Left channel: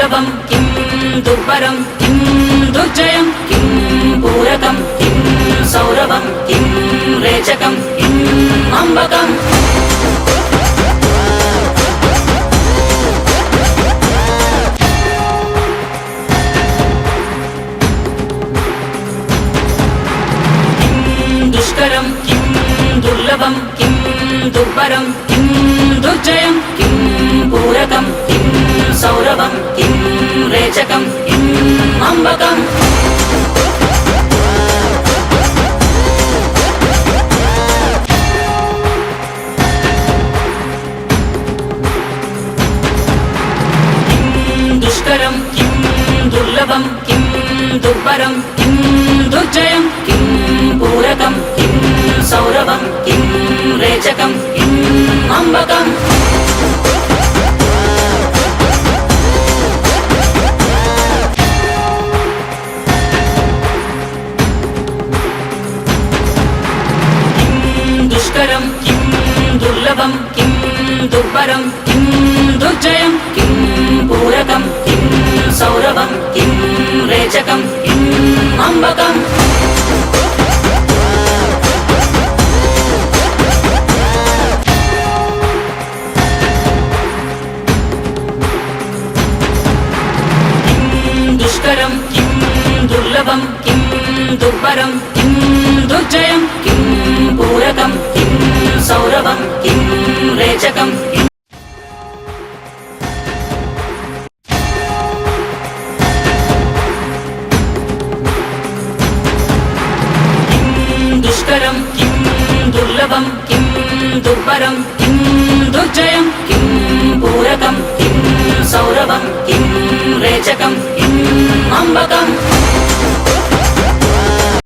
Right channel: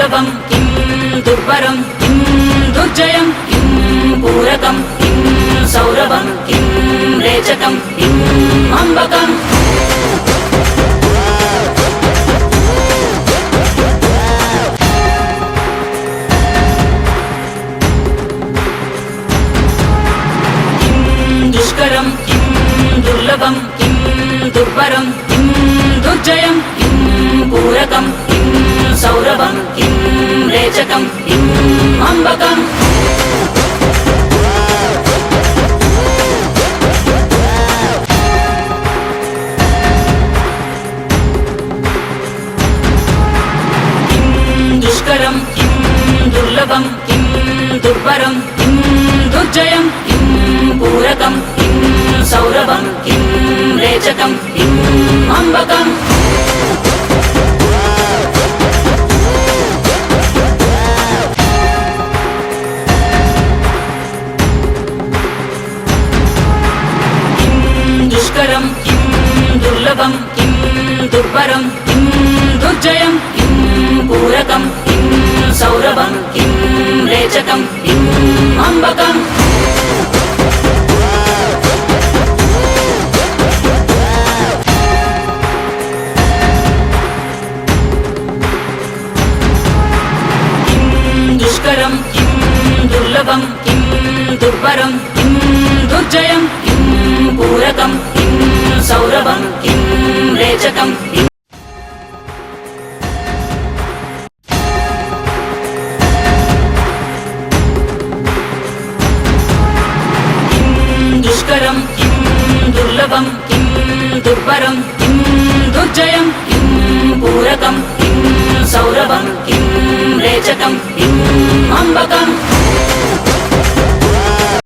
दुर्लभं किं दुर्बरं किं दुर्जयं किं पूरकं किं सौरभं किं रेचकं किं अम्बकम् दुष्करं किं दुर्लभं किं दुर्बरं किं दुर्जयं किं पूरकं किं सौरभं किं रेचकं किं अम्बकम् किं दुष्करं किं दुर्लभं किं दुर्बरं किं दुर्जयं किं पूरकं किं सौरभं किं रेचकं किं अम्बकम् किं दुष्करं किं दुर्लभं किं दुर्बरं किं दुर्जयं किं पूरकं किं सौरभं किं रेचकं किं अम्बकम् दुष्करं किं दुर्लभं किं दुर्बरं किं दुर्जयं किं पूरकं किं सौरभं किं रेचकं किं दुष्करं किं दुर्लभं किं दुर्बरं किं दुर्जयं किं पूरकं किं सौरभं किं रेचकं किं अम्बकम्